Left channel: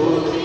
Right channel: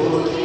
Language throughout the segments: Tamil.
Yeah.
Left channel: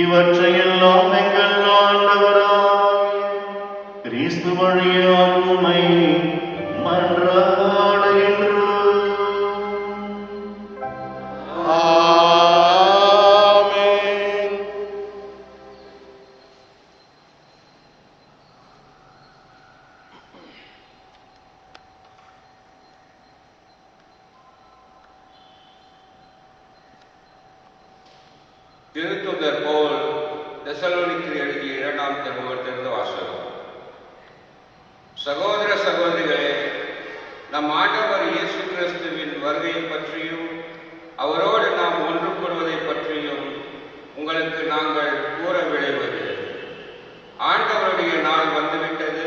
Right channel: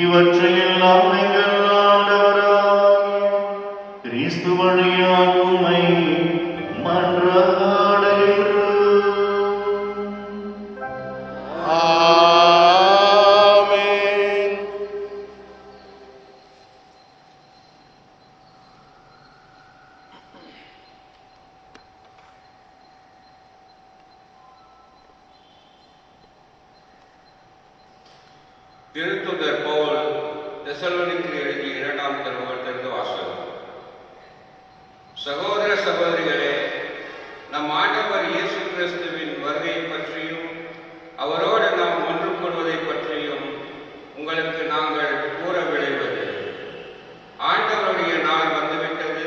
இவற்றையெல்லாம் எங்கள் ஆண்டவராகிய கிறிஸ்து வழியாக உம்மை மன்றாடுகின்றோம். ஆமென். திருத்துதர் பவுல் தெசலோனிக்கு எழுதிய 2ஆம் திருமுகத்திலிருந்து வாசகம். சகோதர சகோதரிகளே, நம் ஆண்டவர் இயேசு கிறிஸ்துவின் வருகையை பற்றியும் அவரோடு நாம் ஒன்று கூடுவதை பற்றியும் உங்களுக்கு நாங்கள் கூற விளைவதில்லை. ஆண்டவருடைய நாள் வந்துவிட்டது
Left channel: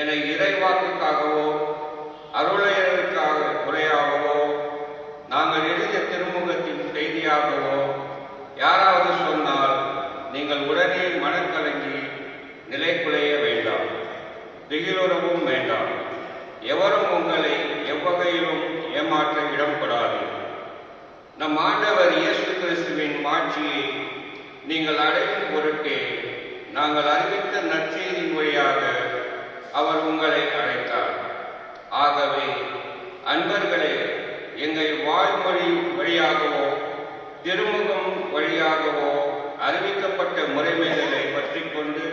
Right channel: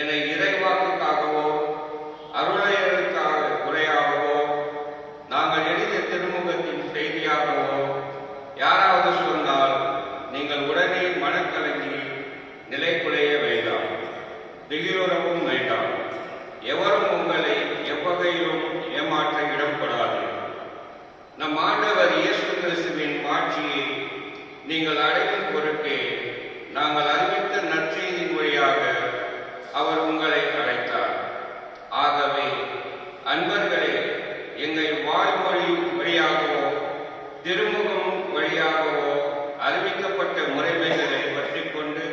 என இறைவாக்குக்காகவோ அருளையருக்காக உரையாகவோ நாங்கள் எழுதிய திருமுகத்தின் செய்தியாகவோ யாராவது சொன்னால் நீங்கள் உடனே மனக்கலங்கி நிலைக்குலைய வேண்டாம், திகிலுறவும் வேண்டாம். எவரும் உங்களை எவ்வகையிலும் ஏமாற்ற இடம்படாது. நம் ஆண்டவர் இயேசு கிறிஸ்துவின் மாட்சியை நீங்கள் அடையும் பொருட்டே நாங்கள் அறிவித்த நற்செய்தியின் வழியாக அவர் உங்களை அழைத்தார். ஆகவே அன்பர்களே, எங்கள் வாய்மொழி வழியாகவோ திருமுகம் வழியாகவோ அறிவிக்கப்பட்ட முறைமைகளை பற்றிக் கொண்டு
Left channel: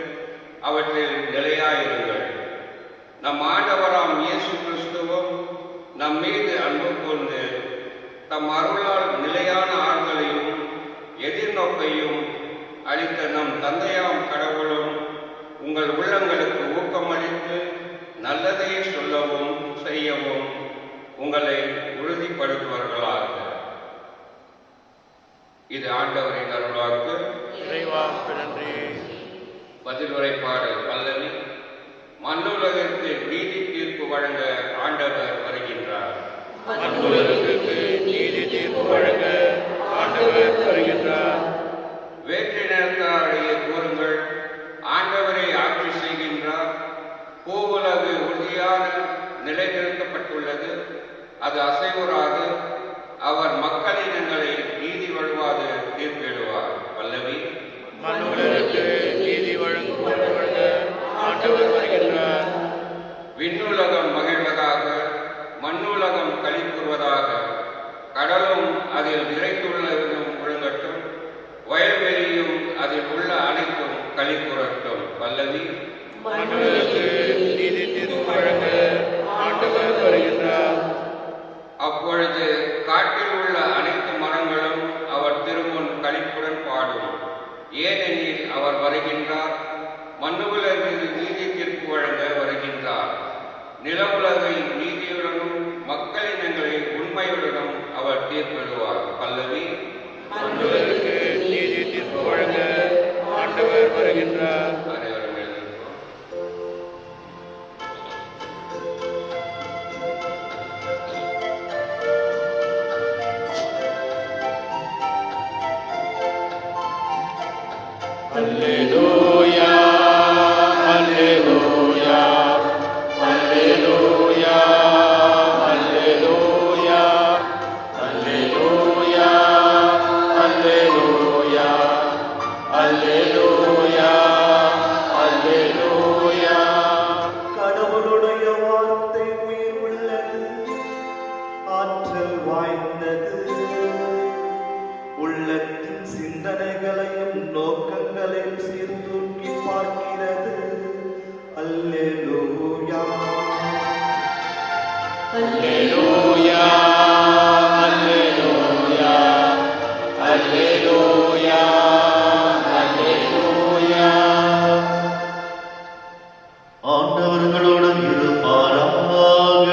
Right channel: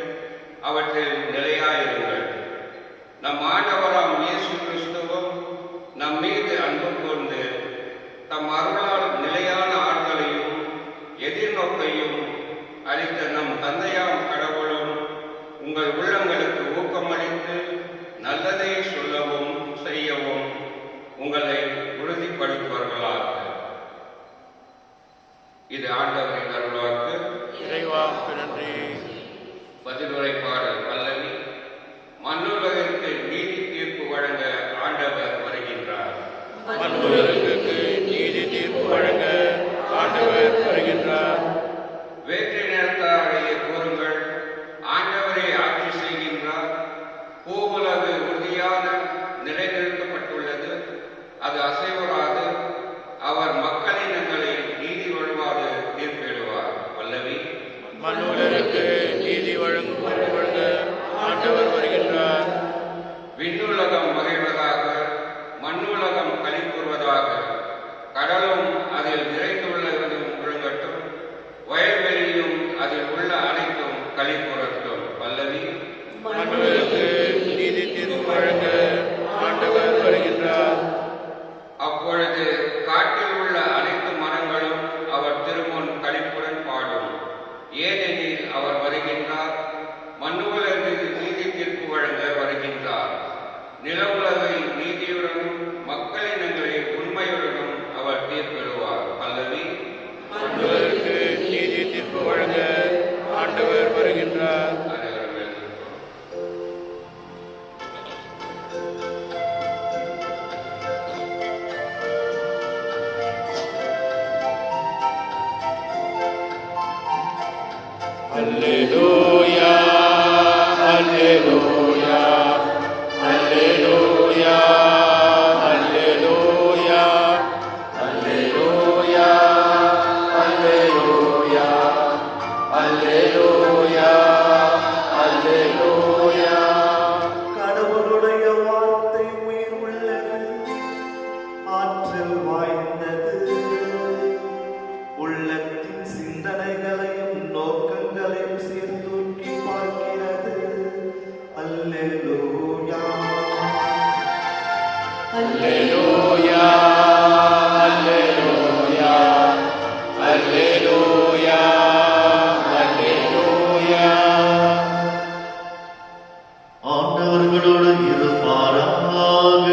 அவற்றில் நிலையாயிருங்கள். நம் ஆண்டவராம் இயேசு கிறிஸ்துவும் நம் மீது அன்பு கொண்டு தம் அருளால் நிலையான ஆண்களையும் எதிர்நோக்கையும் அளித்த நம் தந்தையாம் கடவுளும் உங்கள் உள்ளங்களுக்கு ஊக்கமளித்து நல்லதை சொல்லவும் செய்யவும் உங்களை உறுதிப்படுத்துவார்களாக. இது ஆண்டவரின் அருள்வாக்கு. இறைவாக்கு நன்றி. பதிலுரை பாடல் பல்லவி. மண்ணுலகிற்கு நீதி தீர்ப்பு வழங்க ஆண்டவர் வருகின்றார். மண்ணுலகிற்கு நீதி தீர்ப்பு வழங்க ஆண்டவர் வருகின்றார். வேற்றினத்தாரையே கூறுங்கள், ஆண்டவரை ஆட்சி செய்கின்றார். பூவுலகு உறுதியாக நிலைநிறுத்தப்பட்டுள்ளது, அது அசைவுறாது. அவர் மக்களினங்களை நீதி வழுவாது தீர்ப்பிடுவார். பல்லவி. மண்ணுலகிற்கு நீதி வழங்க ஆண்டவர் வருகின்றார். விண்ணுலகம் மகிழ்வதாக, மண்ணுலகம் களி கூறுவதாக. கடலும் அதில் நிறைந்துள்ளதும் முழங்கட்டும், வயல்வெளியும் அதில் உள்ள அனைத்தும் களி கூறட்டும். பல்லவி. மண்ணுலகிற்கு நீதி தீர்ப்பு வழங்க ஆண்டவர் வருகின்றார். அப்பொழுது காட்டில் உள்ள அனைத்து மரங்களும் அவர் திருமுன் களிப்புடன் பாடும். ஏனெனில் அவர் வருகின்றார். மண்ணுலகில் நீதி தீர்ப்பு வழங்க வருகின்றார். நிலவுலகில் நீதியுடனும் மக்களினங்களில் உண்மையுடனும் அவர் தீர்ப்பிடுவார். பல்லவி. மண்ணுலகிற்கு நீதி தீர்ப்பு வழங்க ஆண்டவர் வருகின்றார். அல்லேலூயா, அல்லேலூயா, அல்லேலூயா, அல்லேலூயா, அல்லேலூயா, அல்லேலூயா, அல்லேலூயா, அல்லேலூயா. கடவுளுடைய வார்த்தை உயிருள்ளது, ஆற்றல் வாய்ந்தது, உள்ளத்தின் சிந்தனைகளையும் நோக்கங்களையும் சீர்தூக்கி பார்க்கிறது. அல்லேலூயா, அல்லேலூயா, அல்லேலூயா, அல்லேலூயா, அல்லேலூயா. ஆண்டவர்களோடு இருப்பாராக.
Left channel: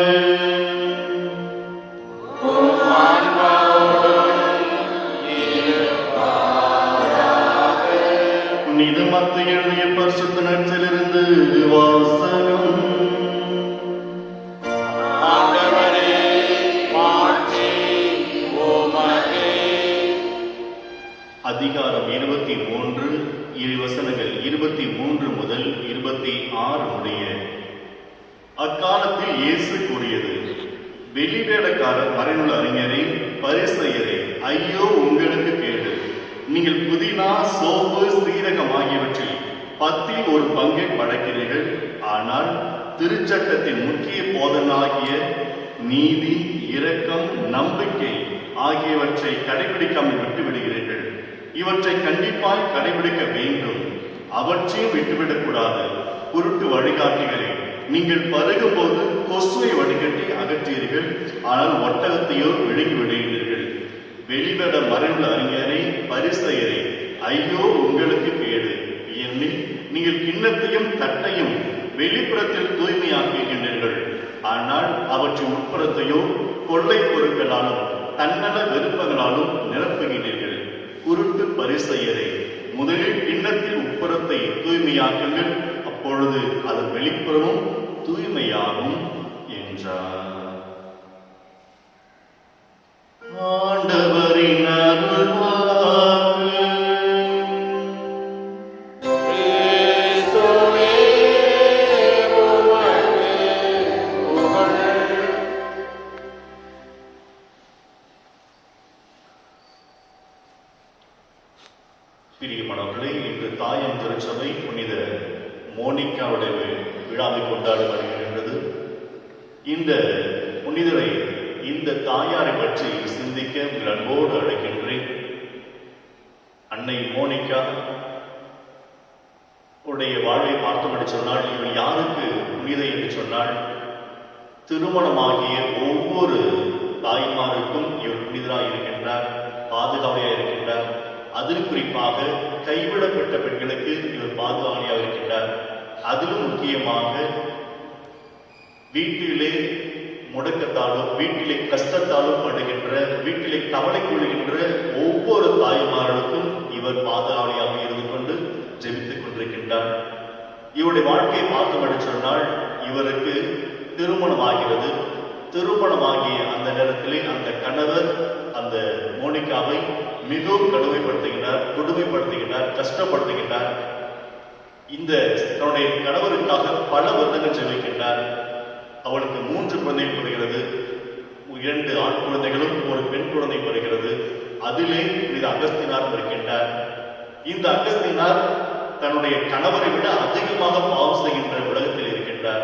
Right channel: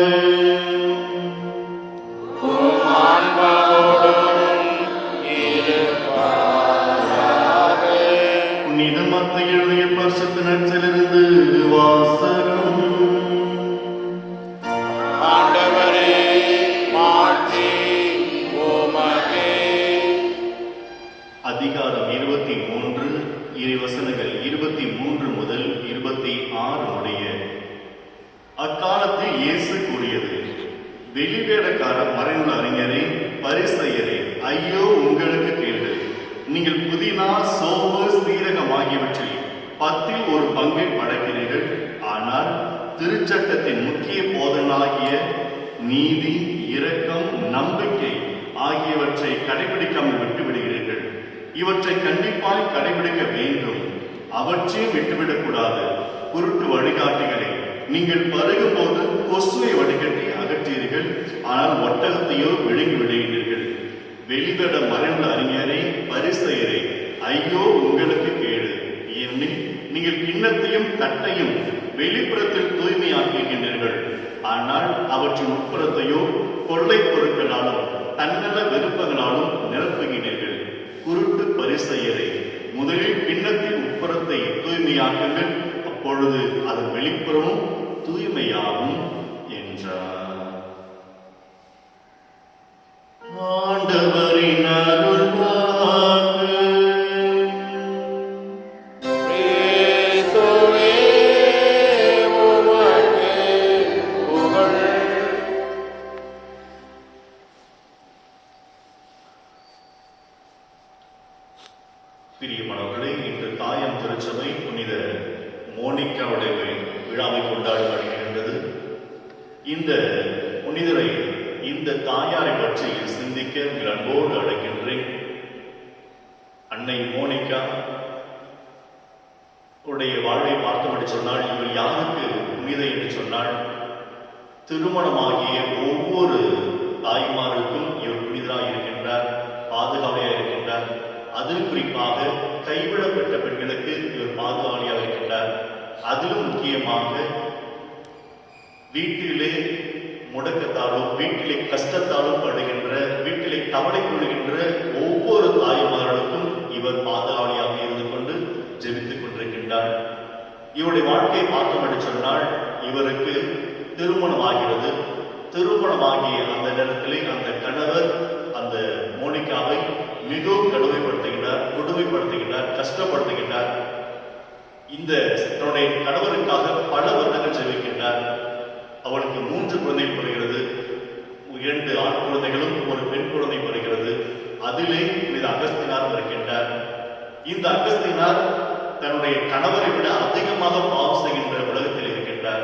உம் ஆன்மாவோடும் இருப்பாராக. நிதமத்தை எழுதிய பரிசுத்த நற்செய்தியிலிருந்து வாசகம். ஆண்டவரே, மாட்சி உமக்கே. அதிகாரம் 23, இறைவசனங்கள் 23 முதல் 26 முடிய. அக்காலத்தில் இயேசு கூறியது, வெளிவேடக்கார மறைநூல் அறிஞரே, பரிசேயரே, ஐயோ உங்களுக்கு கேடு! நீங்கள் புதினா, சோம்பு, சீரகம் ஆகியவற்றில் 10 ஒரு பங்கை படைக்கிறீர்கள். ஆனால் திருச்சட்டத்தின் முக்கிய போதனாகிய நீதி, இரக்கம், நம்பிக்கை ஆகியவற்றை கடைபிடிக்காமல் விட்டு விடுகிறீர்கள். இவற்றை கண்டிப்பாய் கடைபிடிக்க வேண்டும். அவற்றையும் விட்டுவிடக்கூடாது. குருட்டு வழிகாட்டிகளே, நீங்கள் பருகும்போது கொசுவை வடிகட்டி அகற்றீர்கள், ஆனால் ஒட்டகத்தையோ விழுங்கி விடுகிறீர்கள். வெளிவட மறைந்த அறிஞரை, பரிசேயரே, ஐயோ உங்களுக்கு கேடு! ஏனெனில் நீங்கள் கிண்ணத்தையும் தட்டையும் வெளிப்புறத்தில் தூய்மையாக்குகின்றீர்கள், ஆனால் அவற்றின் உட்புறத்தையோ கொள்ளை பொருட்களாலும் தன்னல விருப்பங்களாலும் நிரப்புகிறீர்கள். குருட்டு பரிசேயரே, முதலில் கிண்ணத்தின் உட்புறத்தை தூய்மையாக்குங்கள், அப்பொழுது அதன் வெளிப்புறமும் தூய்மையாகும் என்றார். ஆண்டவரின் அருள்வாக்கு. கிறிஸ்துவே உமக்கு புகழ். பிரியமானவர்களே, இன்று தாயம் திருச்சபை புனித மோனிகாவுடைய விழாவை கொண்டாட வருகின்றது. இந்த புனிதரை, இந்த தாயாரை பற்றி சிந்திக்க உங்கள் அன்போடு அழைக்கின்றேன். அன்னை மோனிகா உடைய வாழ்வை பார்த்தபடி சொன்னால், இவள் யாருக்கு புனித என்று சொன்னால், திருமணமாகிய ஒவ்வொரு தாய்மாருக்கும் இவர் புனிதராக இருக்கின்றார், பாதுகாவலியாக இருக்கின்றார். அதில் குறிப்பாக கைவிடப்பட்ட பெண்களுக்கு இவர் பாதுகாவலியாக இருக்கின்றார். அதிலும் முக்கியமாக வீட்டிலே முடக்கத்தாலும், வீட்டிலே கஷ்டத்தாலும் படுகின்ற, வீட்டிலே கவலை கூடுகின்ற ஒவ்வொரு தாய்மார்களுக்கும் இவர் பாதுகாவலியாக இருந்து கொண்டு ஜெபித்துக் கொண்டிருக்கின்றார். இவருடைய வாழ்க்கையை பார்த்தபடி சொன்னால், இவருக்கு திருமணமாகிறது. திருமணமாகிய அந்த நேரத்திலே அந்த கணவர் அந்த மோனிகாவை மிகவும் கொடுமைப்படுத்துகின்றார், கஷ்டப்படுத்துகின்றார். இந்த தன்னுடைய கணவருக்காக பல வருடங்கள் ஜெபிக்கின்றார். அவளுக்கு 3 குழந்தை பிறகிறது. 2 ஆண் குழந்தைகளும் ஒரு பெண் குழந்தை பிறகிறது. அதிலே இது அகஸ்தினார் இருக்கின்றார். இந்த அகஸ்தினார் தன்னுடைய கணவரை விட அதிகமாக பாவம் செய்கின்ற உலகத்தில் இருக்கின்றார்.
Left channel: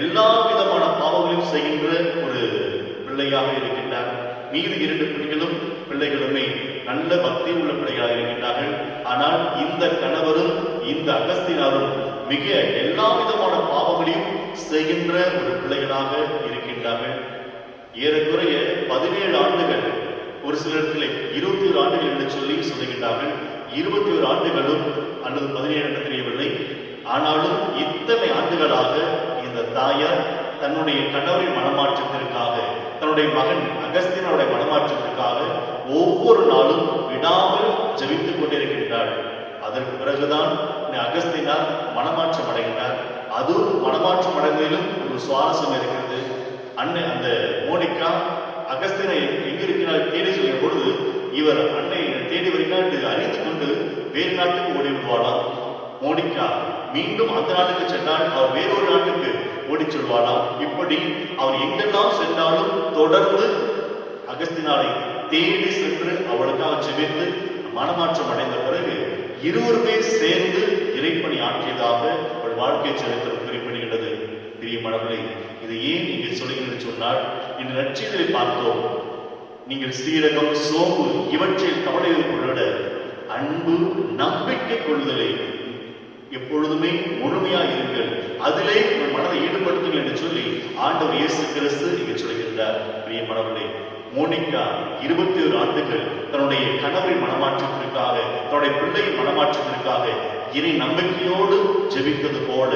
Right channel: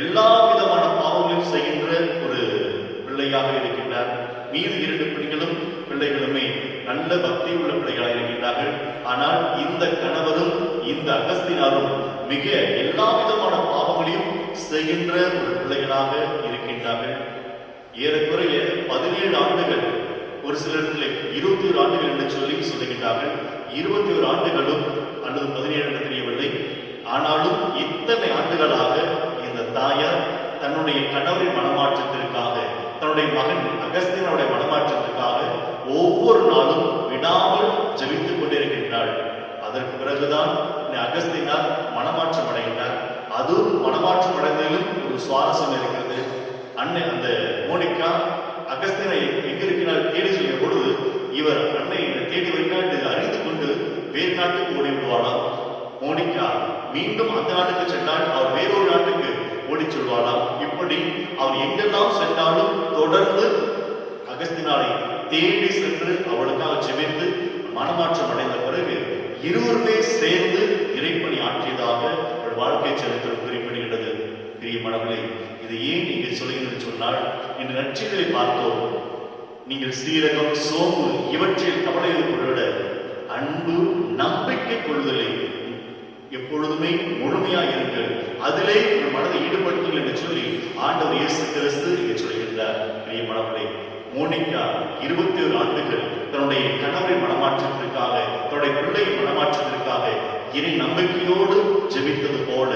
எல்லா விதமான பாவங்களையும் செய்கின்ற ஒரு பிள்ளையாக இருக்கின்றார். மீது 2 பிள்ளைகளுமே நல்ல பக்தி உள்ள பிள்ளைகளாக இருக்கின்றார்கள். ஆனால் இந்த கணவரும் இந்த அகஸ்தினாரும் மிக எல்லா விதமான பாவங்களையும் செய்கின்ற ஒரு பிள்ளைகளாக இருக்கின்றார்கள். ஏறக்குறைய 17 ஆண்டுகள், ஒரு சிலத்தில் 21 ஆண்டுகள் என்று சொல்லுகின்றார்கள். 21 ஆண்டுகளும் அல்லது 17 தெரியவில்லை. ஆனாலும் இத்தனை ஆண்டுகளாக இந்த தாயார் தன்னுடைய கணவரின் மனமாற்றத்திற்காக, தன்னுடைய மகன் அகஸ்தியனுடைய மனமாற்றத்திற்காக ஒவ்வொரு நாளும் விடாமல் ஜெபித்துக் கொண்டிருக்கின்றாள். அதற்கு பிறகுதான் அகஸ்தியனார் மனமாற்றம் அடைகின்றார். அதுவும் மனமாற்றம் அடைந்ததிலும் ஒரு சுவாரஸ்யம் இருக்கிறது. அந்த மோனிகா அகஸ்தியனை எங்கிருக்கிறார் தேடி சொல்லிய பொழுது, இவர் அன்னை தேடி வருகிறார் என்று அறிந்து கொண்டு வேறு நாட்டுக்கு ஓடி விடுவாளாம். மோனிகா மீண்டும் அந்த நாட்டுக்கு சென்றால் அவர் வேறொரு நாட்டுக்கு ஓடி சொல்வாளாம். இப்படி அவர் எங்கெல்லாம் சென்றாலும் தொடர்ந்து அகஸ்தியனாரை தேடி சென்று அவளுக்காக ஜெபித்து மனமாற்றம் அடைந்த பிறகு இருவருமே சேர்ந்து இறைப்பணி ஆற்றியதாக அவள் வாழ்க்கை சரித்திரம் குறிப்பிடுகிறது. பிரியமானவர்களே, இது ஏன் இங்கே சொல்லுகிறது சொன்னால், இந்த நற்செய்தியை பார்த்தோம். நீங்கள் சீரகம், சோம்பு இவற்றில் கவலை கொள்ள அன்பு, நம்பிக்கை கொள்ளுதலை எப்பொழுதுமே முழுமையாக இருங்கள், அதிலே ஒரு மனதை ஈடுபடுத்துங்கள் என்று சொல்லி ஆண்டவர் இயேசு கிறிஸ்து இங்கே சொல்கின்றார். பிரியமானவர்களே, மோனிகா 21 ஆண்டுகள் தன்னுடைய கணவரின் மனமாற்றத்திற்காக, தன்னுடைய பிள்ளையின் மனமாற்றத்திற்காக இறை நம்பிக்கையோடு ஜெபித்தது போல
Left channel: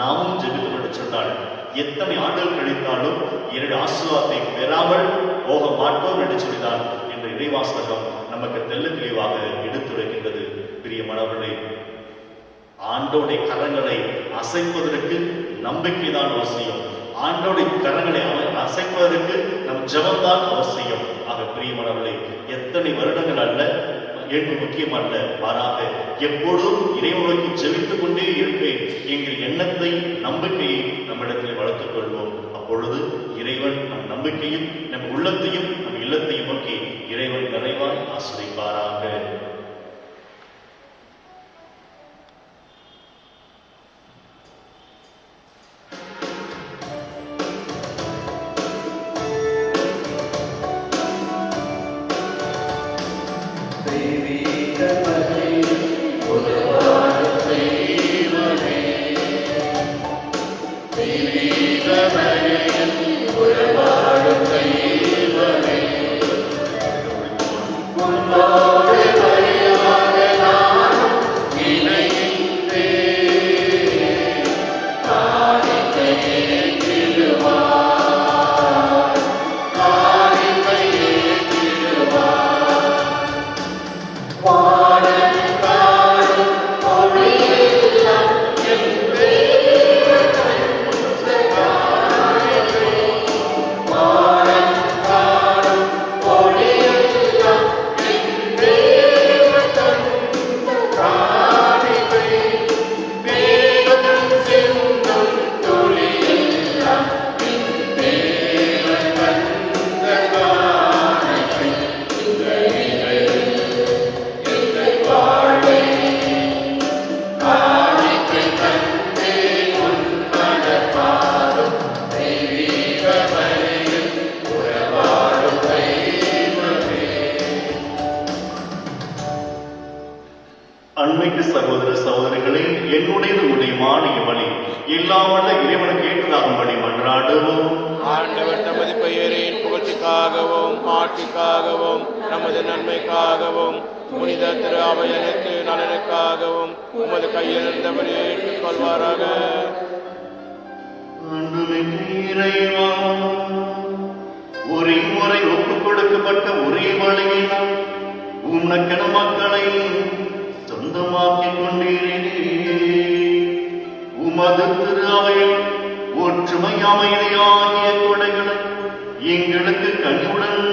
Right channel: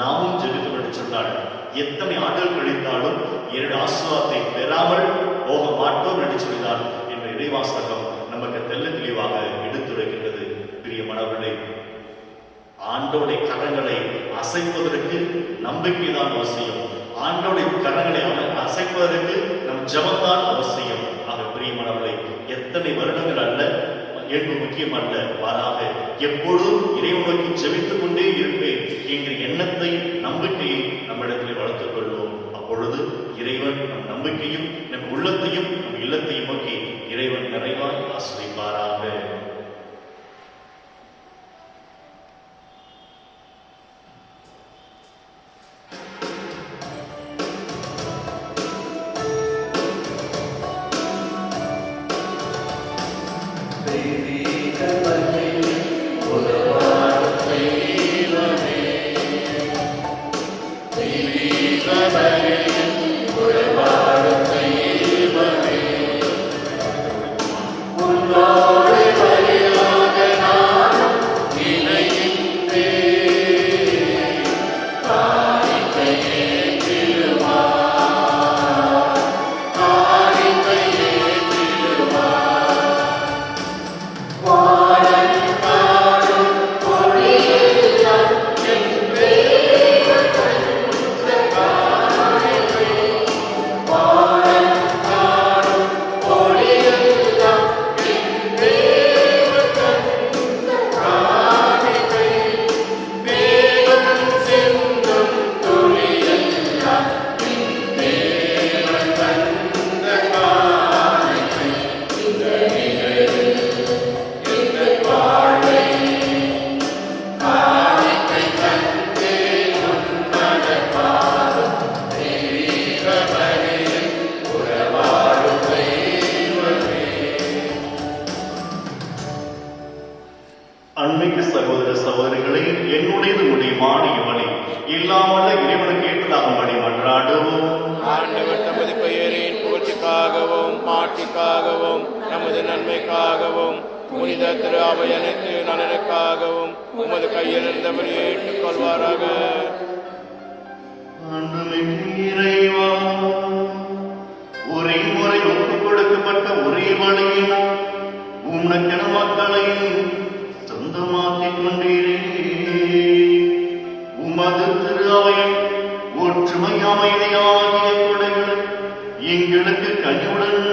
நாமும் ஜெபித்தோம் என்று சொன்னால், எத்தனை ஆண்டுகள் கழித்தாலும் 2 ஆசீர்வாதத்தை பெறாமல் போக மாட்டோம் என்று சொல்லினார் என்ற இறைவாசகம் நமக்கு தெல்ல தெளிவாக எடுத்துரைக்கின்றது. பிரியமானவர்களே, ஆண்டோடைய கரங்களை அசைப்பதற்கு நம்பிக்கை தான் அவசியம். ஆண்டோடைய கரங்களை அசைப்பதற்கு நம் ஜெபம்தான் அவசியம். ஆக பிரியமானவர்களே, எத்தனை வருடங்கள் அல்ல, ஏற்பு முக்கியம் அல்ல, மாறாக எப்பொழுதும் இறைவனுக்கு ஜெபித்துக் கொண்டே இருப்பேன் என்கிற எண்ணத்தை, நம்பிக்கையை நம்மிடத்தில் வளர்த்துக் கொள்வோம். அப்பொழுது இறைவன் நம் நம்பிக்கையும், நம் உள்ளத்தையும், நம் இல்லத்தையும் நோக்கி இறைவன் நிறைவாக ஆசிரிப்பாராக. அன்மைக்கு சகோதர சகோதரிகளே, என்னுடைய உடைய மானியமணி இல்லாமல் இறைவனுக்கு ஏற்றதாகும்படி மன்றாடுவோம். ஆண்டவர் நமது பெயரின் புகழ்ச்சிக்காகவும் மாட்சிக்காகவும் நமது நன்மைக்காகவும் புனித திரு அவையனைத்து நலனுக்காகவும் உமது கையில் இருந்தபடி ஏற்றுக்கொள்வாராக. இறைவா, ஒரே முறை ஒப்புக் கொடுக்கப்பட்ட ஒரே வழியினால் உனக்கென மக்களை சொந்தமாக்கிக் கொண்டீரே. உமது திரு அவை ஒற்றுமை அமைதியாகிய கொடைகளை எங்களுக்கு கனிவுடன்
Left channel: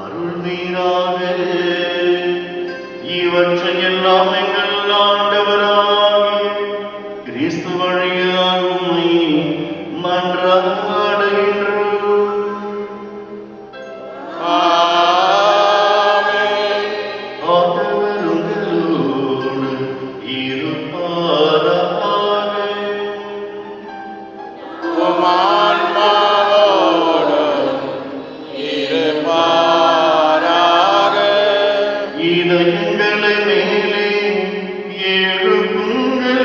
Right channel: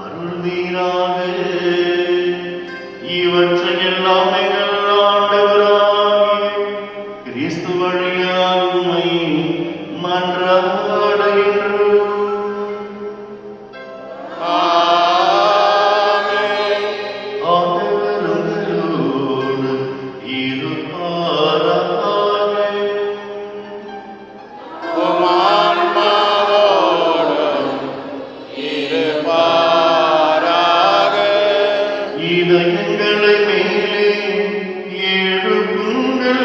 அருள்வீராக. இவற்றை எல்லாம் எங்கள் ஆண்டவராகிய கிறிஸ்து வழியாக உம்மை மன்றாடுகின்றோம். ஆமென். ஆண்டவர் உங்களோடு இருப்பாராக. உம் ஆன்மாவோடும் இருப்பாராக. இதயங்களை மேலே எழுப்புங்கள்.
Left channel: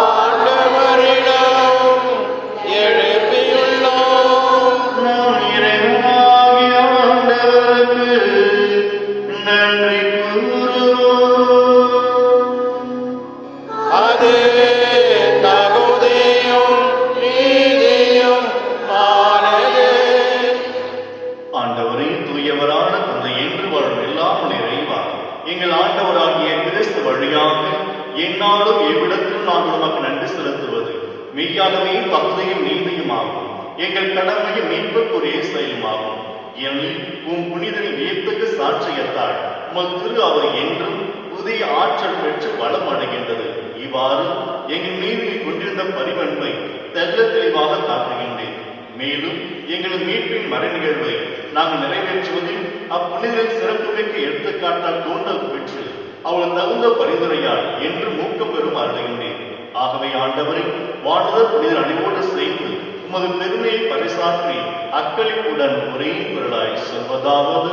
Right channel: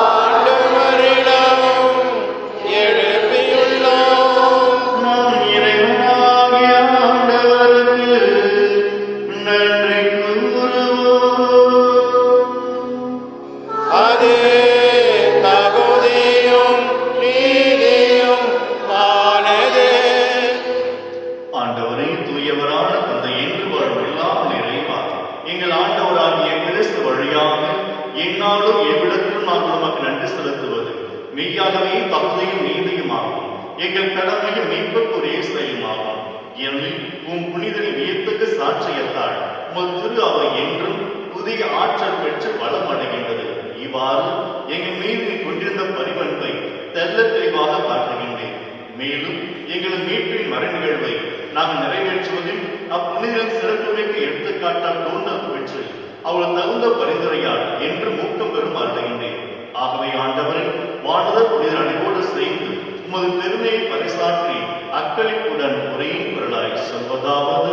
ஆண்டவரிடம் எழுப்பியுள்ளோம். நாம் இறைவனாகிய ஆண்டவருக்கு நன்றி கூறுவோம். அது தகுதியும் நீதியும் மானது. ஆண்டவரே, தூயவரான தந்தை, என்று வாழும் எல்லாம் நிறைவா எங்கள் ஆண்டவராகிய கிறிஸ்து வழியாக என்னாலும் எவ்விடத்திலும் நாம் உமக்கு நன்றி செலுத்துவது மெய்யாகவே தகுதியும் நீதியுமாகும். எங்கள் கடமையும் மீட்புக்குரிய செயலுமாகும். ஏனெனில் உம் புனிதரின் வியத்தகு சாட்சியத்தால் உமது திரு அவை என்றும் புதிய ஆற்றல் பெற்று வளம் அடைகின்றது. இவ்வாறு எங்கள் மீது கொண்டிருந்த பரிவன்பை தெல்ல தெளிவாக காட்டுகின்றேன். மேலும் எங்கள் மீட்பின் மறைநிகழ்வை நாங்கள் நிறைவேற்றுவதில் அப்புனிதரின் சிறப்புமிக்க எடுத்துக்காட்டால் தோன்றல் பெற்று அவள் தகுந்த பரிந்துரையால் என்று ஊக்கம் பெறும் அருகின்றேன். ஆகவே ஆண்டவரை வாழ்தல் புனிதர் அனைவோடு சேர்ந்து உமது பெருமையை பரிசாற்றி அக்களிப்புடன் ஒரே குரலாய் சொல்வதாவது:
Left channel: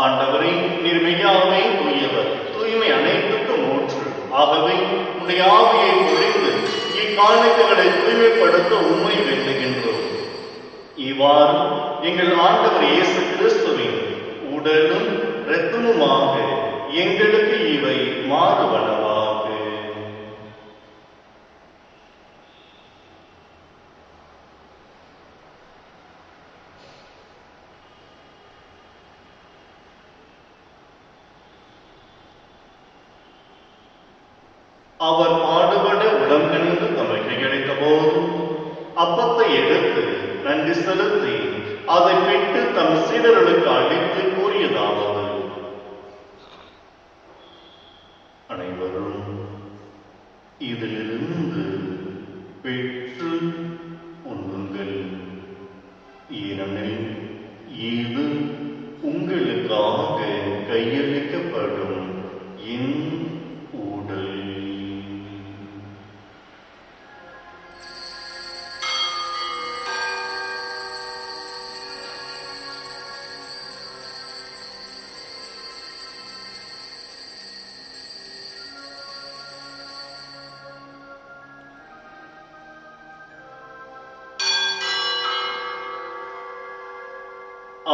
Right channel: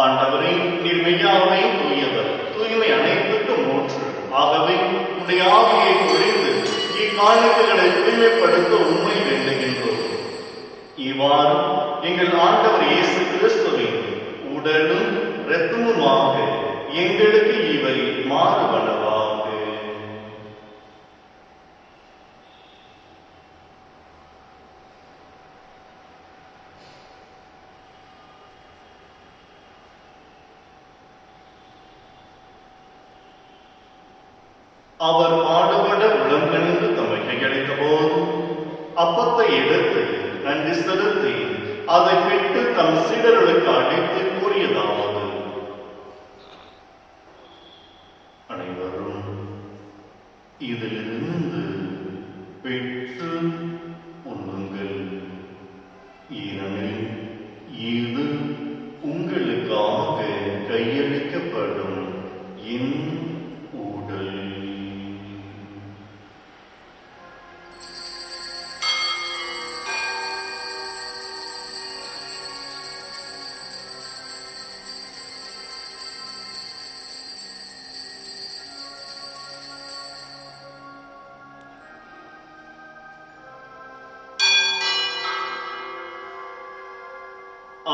ஆண்டவரே, நீர் மெய்யாகவே தூயவர், தூய்மை அனைத்துக்கும் மூன்று. ஆகவே உடைய ஆவியை பொழிந்து இக்காணிக்கைகளை தூய்மைப்படுத்த உண்மை வேண்டுகின்றோம். இவ்வாறு எங்கள் ஆண்டவர் இயேசு கிறிஸ்துவின் உடலும் இரத்தமுமாக எங்களுக்கு இவை மாறுவனவாக. அவர் பாடுபட உடன்கணிந்து தமக்கு கிடைத்த போது அப்பத்தை எடுத்து நன்றி செலுத்தி அதை பெற்று தம் சீடர்களுக்கு அளித்து கூறியதாவது: அனைவரும் இதிலிருந்து பெற்று உண்ணுங்கள். ஏனெனில் இது உங்களுக்காக கையளிக்கப்படும் என் உடல்.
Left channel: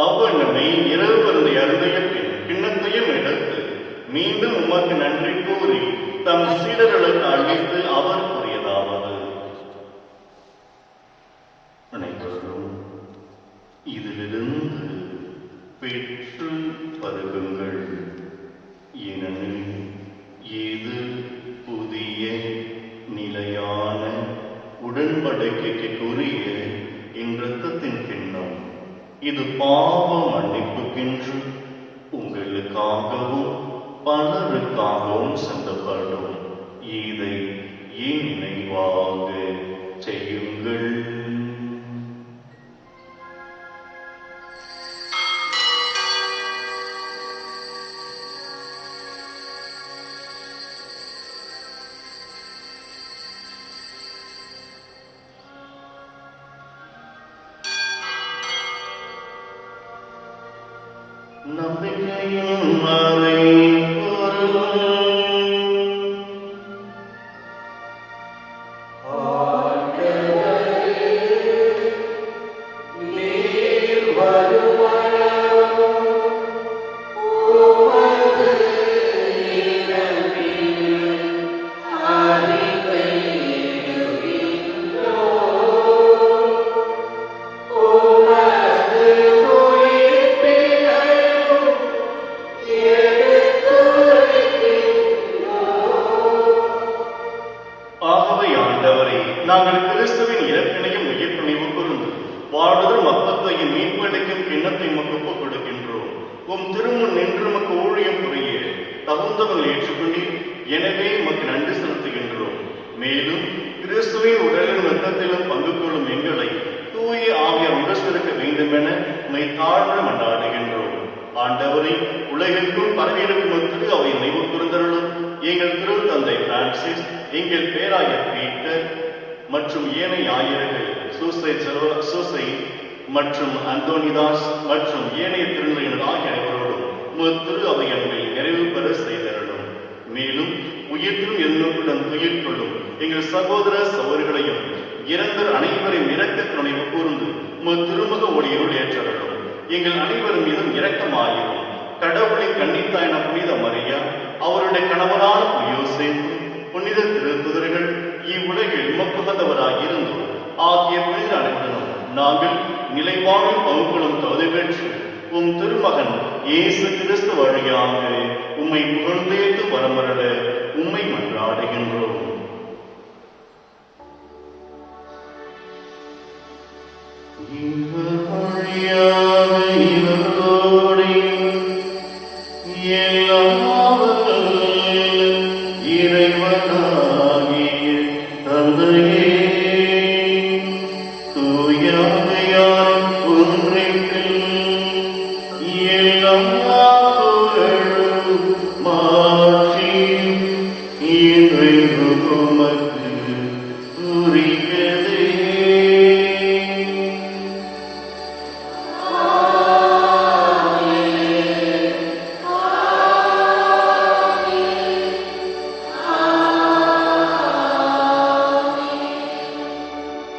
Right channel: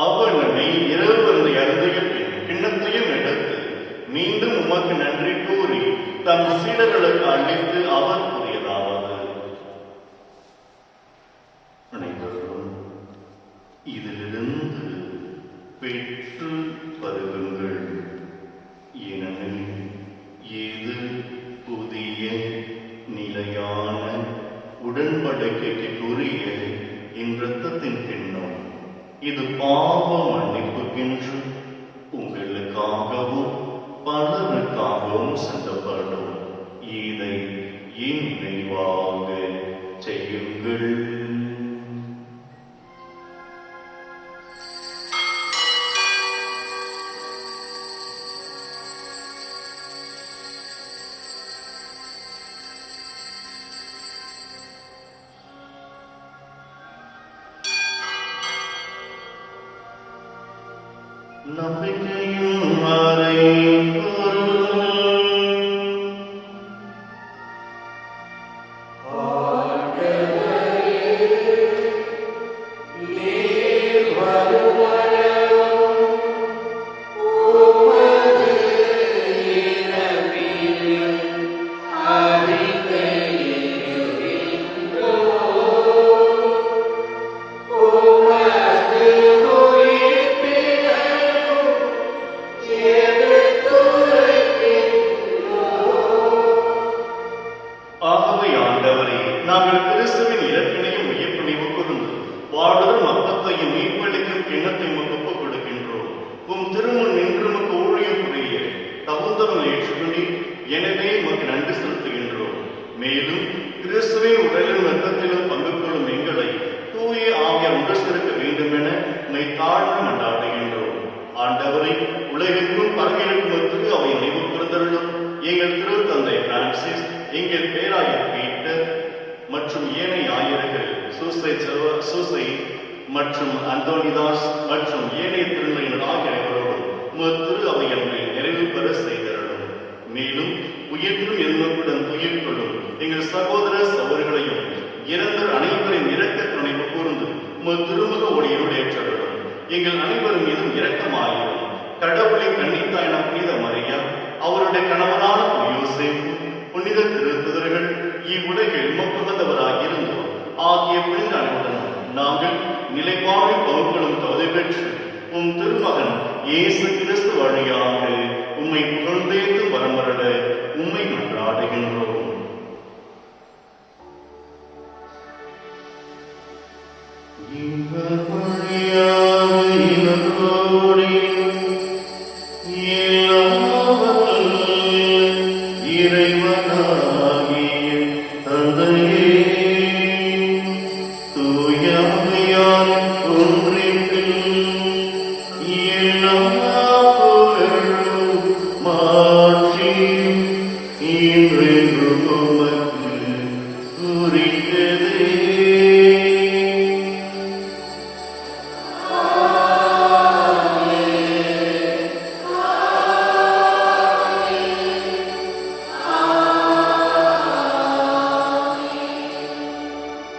அவனமை இரவு வருந்தை அருந்திய பின் கிண்ணத்தையும் எடுத்து மீண்டும் உமக்கு நன்றி கூறி தம் சீடர்களுக்கு அளித்து அவர் கூறியதாவது: அனைவரும் இதிலிருந்து பெற்று பருகுங்கள். ஏனெனில் இது புதிய நிலையான உடன்படிக்கைக்குரிய என் இரத்தத்தின் கிண்ணம். இது பாவ மன்னிப்புக்கென்று உங்களுக்காகவும் பலருக்காகவும் சிந்தப்படும். இதை என் நினைவாக செய்யுங்கள். நம்பிக்கையும் மறைபொருள். ஆகவே ஆண்டவரே, நாங்கள் கிறிஸ்துவின் இறப்பினையும் உயிர்ப்பினையும் கூர்ந்து வாழ்வரும் அப்பத்தையும் மீட்பளிக்கும் கிண்ணத்தை உமக்கு ஒப்புக் கொடுக்கின்றோம். உம் திருமுன் நின்று உமக்கு ஊழியம் புரிய தகுந்தவன் ஏற்றுக்கொண்டீர். எனவே உமக்கு நன்றி செலுத்துகின்றோம். மேலும் கிறிஸ்துவின் உடலிலும் இரத்தத்திலும் பங்கு கொள்ளும் எங்களை தூய ஆவியார் ஒன்று சேர்க்க வேண்டும் என உம்மை தாழ்ந்து மன்றாடுகின்றோம். ஆண்டவரே, உலகெங்கும் பரவியிருக்கும் திரு அவை நினைவு கூர்ந்தருளும். எங்கள் திருத்தந்தை பிரான்சிஸ், எங்கள் பேராயர் பீட்டர் மற்றும் ஏனைய ஆயர்கள் சூசை மற்றும் அந்தோனிதாஸ் மற்றும் ஏனைய திருநிலைகள் ஆகியோரோடும் திரு அவைகளில் நிறைவு பெற செய்தருளும். மேலும் உயிர்த்தும் எண்ணத்துடன் துயில் கொள்ளும் எங்கள் சகோதர சகோதரிகளையும் இறந்த அனைவரின் இரக்க துணைவு கூர்ந்து திருமுக ஒளியோடு ஏற்றவர்களும் எங்கள் அனைவரும் மீதும் இரக்கமாயும் கடவுளின் கன்னித்தாயின புனித மரியா, அவருடைய கணவனான யோசேப்பு, புனித திருத்துதர்கள், இவ்வுலகில் உமக்குமந்தவராக இருந்தோம் ஆகிய புனித அனைவரும் நாங்கள் நிலைவாழும் பகுப்புகளும் தகுதி பெற்று உம் திருமகன் இயேசு கிறிஸ்து வழியாக உம்மை புகழ்ந்தேத்து வரமருள உம்மை மன்றாடுகின்றோம்.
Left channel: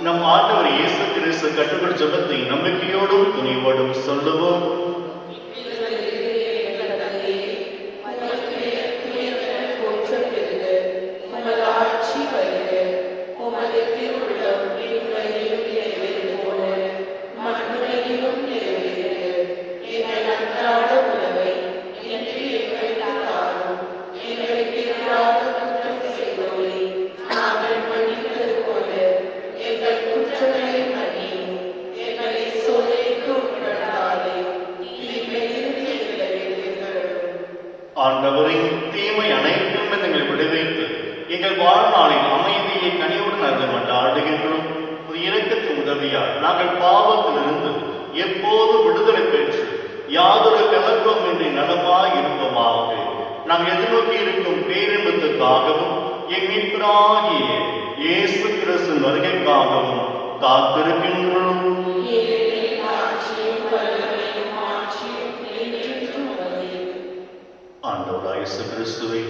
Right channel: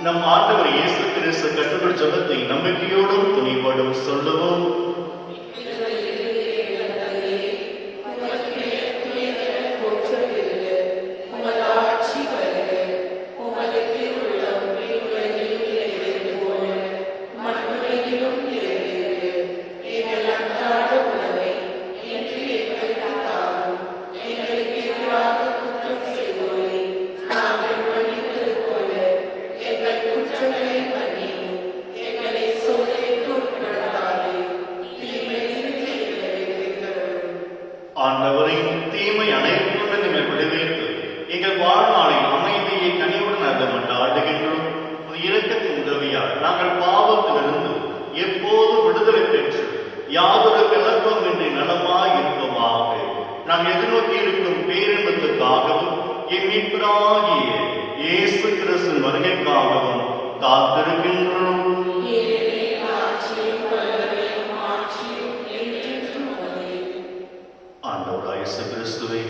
நம் ஆண்டவர் இயேசு கிறிஸ்து கற்றுக்கொள் ஜெபத்தை நம்பிக்கையோடும் துணிவோடும் சொல்லுவோம். ஆண்டவரின் தீமை அனைத்தும் எங்களை விடுவித்து எங்கள் வாழ்நாளில் அமைதியை கனிவுடன் அருள ஆடுகின்றோம். இரக்கத்தின் உதவியால் நாங்கள் பாவத்திலிருந்து எப்போது விடுதலை பெற்று யாதொரு கலர்வம் இன்றி நலமாய் இருப்போமாக. நாம் எதிர்நோக்கி இருக்கும் பேரின்பத்துக்காகவும் என் மீட்பராகிய இயேசு கிறிஸ்து வருகைக்காகவும் காத்திருக்கின்றோம். இயேசு கிறிஸ்துவே,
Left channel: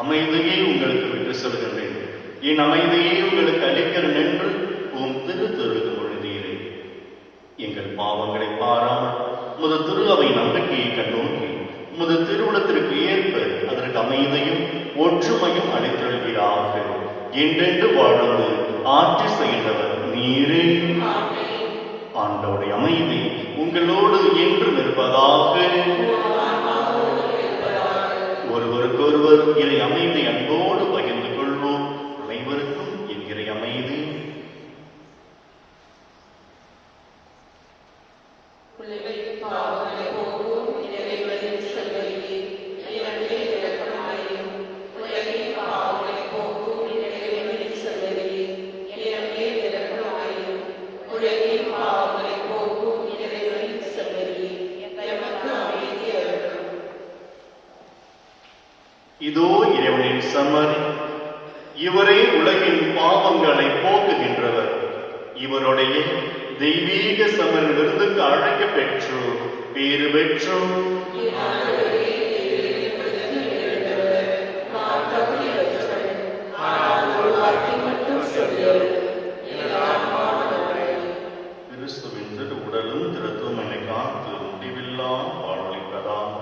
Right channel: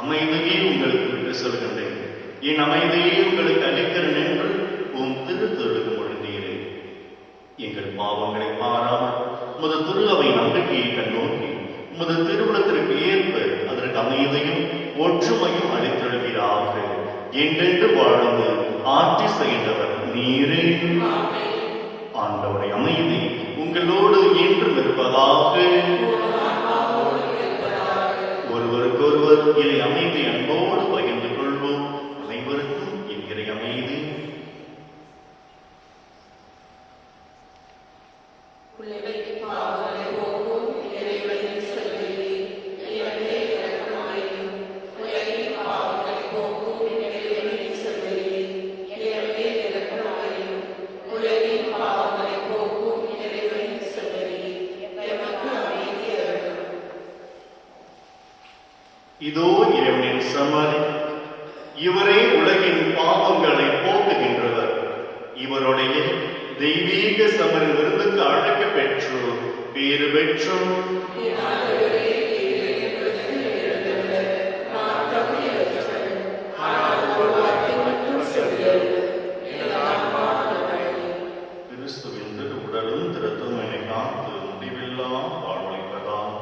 அமைதியை உங்களுக்கு விட்டு சொல்கின்றேன், என் அமைதியை உங்களுக்கு அளிக்கிறேன் என்று உம் திருத்தொழுக்கு மொழிந்தீரே. எங்கள் பாவங்களை பாராமல் உமது திரு அவை நம்பிக்கையை கண்ணோக்கி உமது திருவுளத்திற்கு ஏற்ப அதற்கு அமைதியும் ஒற்றுமையும் அளித்திருக்கிறாக. என்றென்று வாழ்ந்து ஆட்சி செய்கின்றவர் நீரே. ஆண்டவருடைய அமைதி உங்களோடு என்று நிற்பதாக. ஒருவருக்கொருவர் இறை அமைதி அன்போடு பகிர்ந்து கொள்வோம். அனைவருக்கும் என்கிற அமைதி. இதோ இறைவனின் சம்மதி, இவரே உலகின் பாவங்களை போக்குகின்றவர். இவருடைய தெய்வீக சமரிலிருந்து அழைக்க பெற்றோர் பேறு பெற்றோர். கிறிஸ்துவின் திரு உடலும் திறத்தும் என்னை காத்து முடிவில்லா வாழ்விப்பதாக.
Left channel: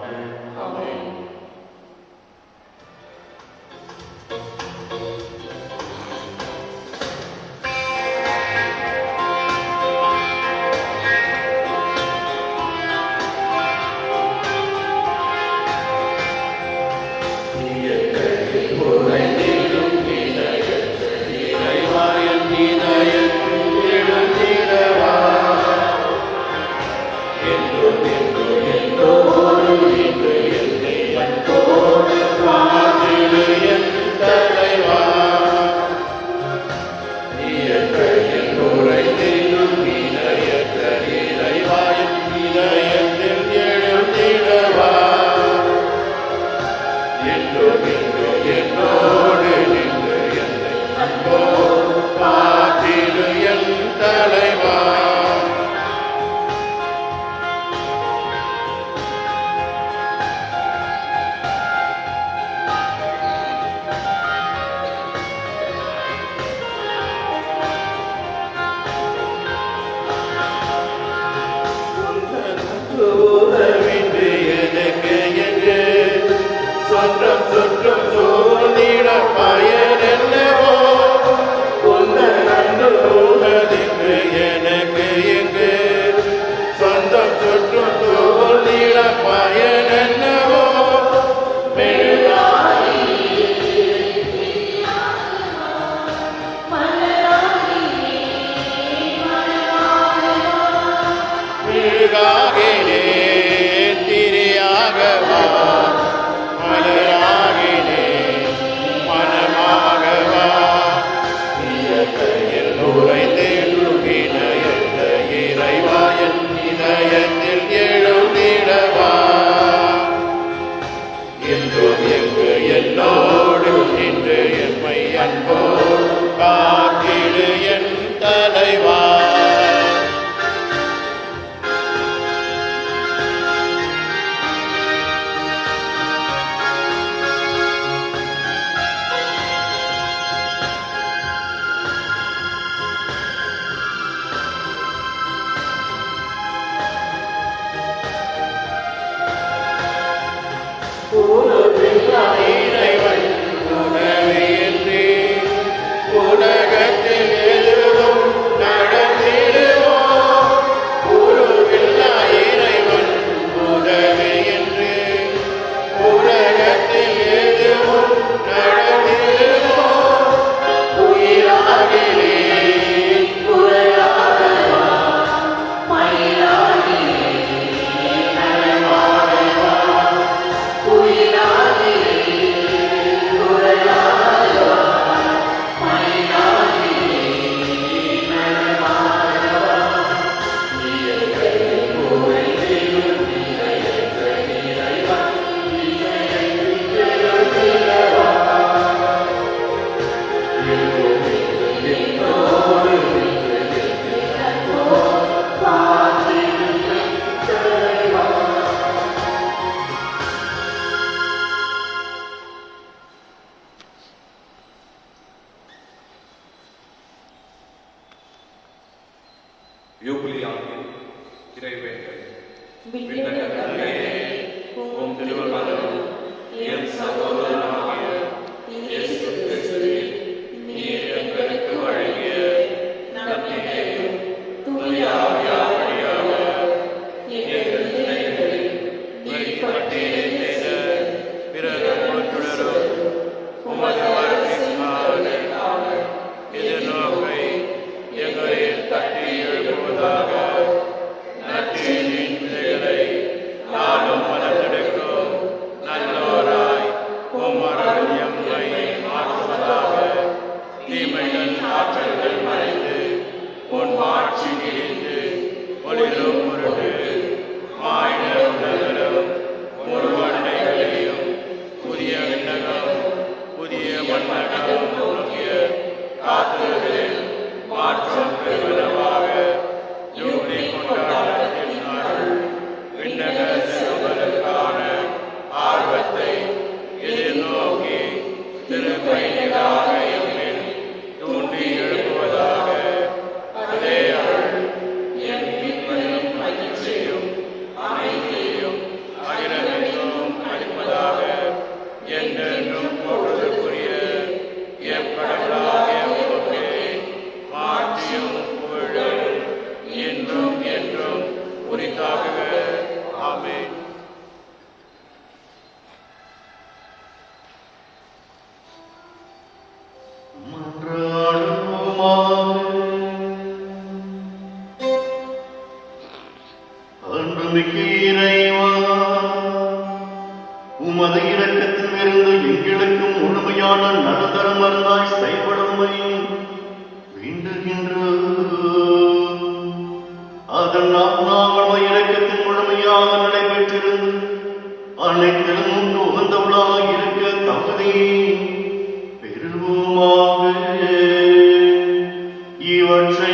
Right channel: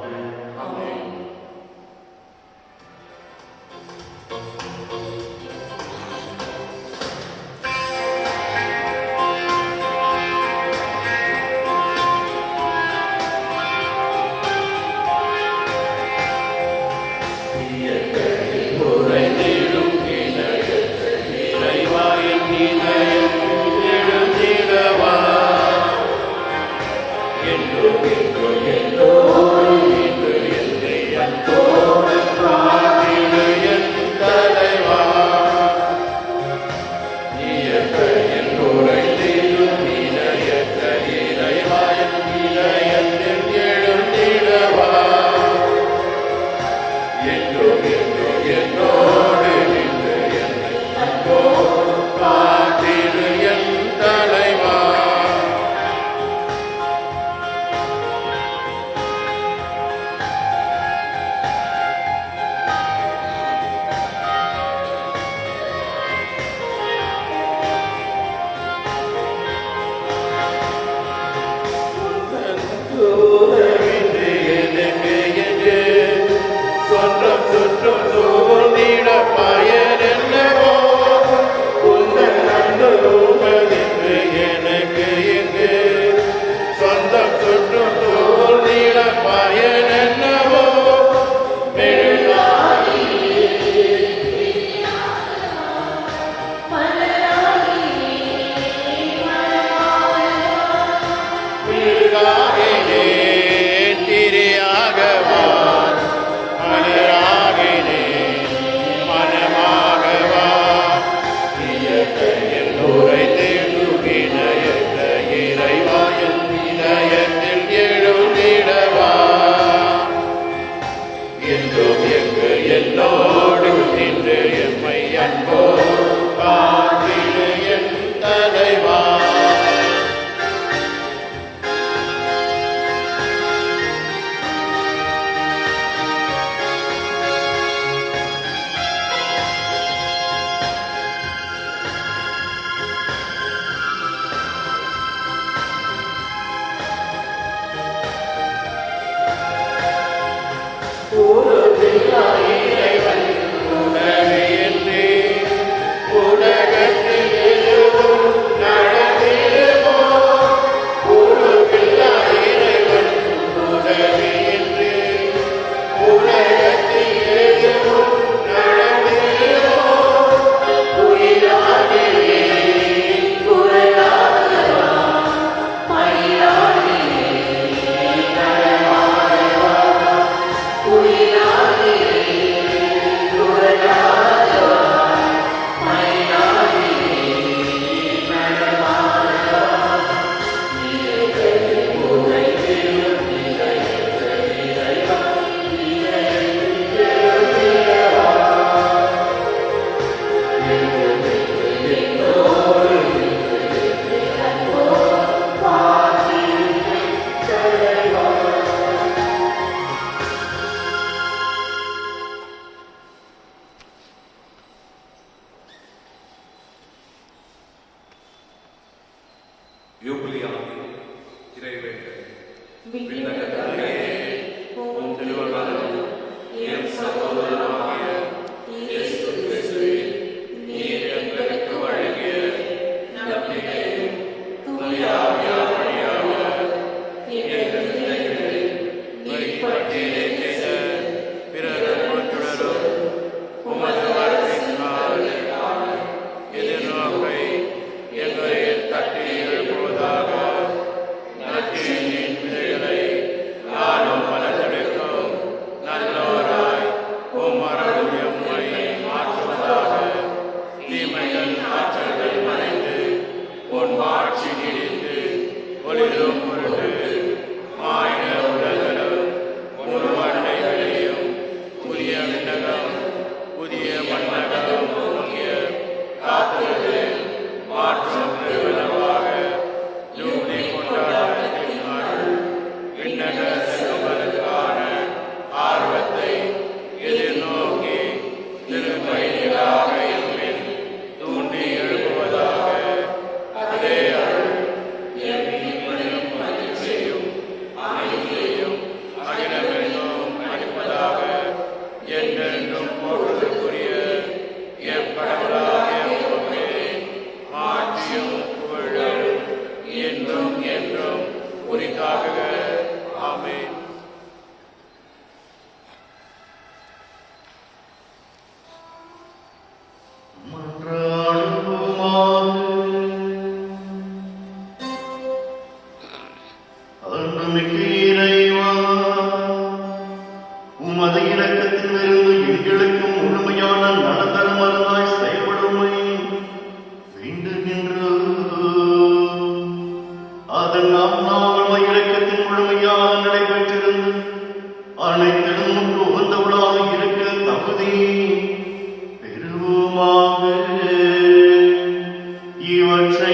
தட்டி எழுப்புவதாக. நற்செய்தியின் விதைகளை நாளும் ஆட்சியும் புகழும் என்றும் என்றும் உரித்தாகுக. ஆமென். அன்புமிக்க இறைவா, உமது இரக்கத்திலிருந்து எங்களுக்கு முழுமையான நலந்தரங்களாய் செயல்படுமை வேண்டுகின்றோம். அதனால் நாங்கள் இரக்கத்தின் முழுமையாக நடைபெற்றிருந்து அனைத்திலும் உகந்தவளாக இருக்க தகுதி பெறுவோமாக. இவற்றை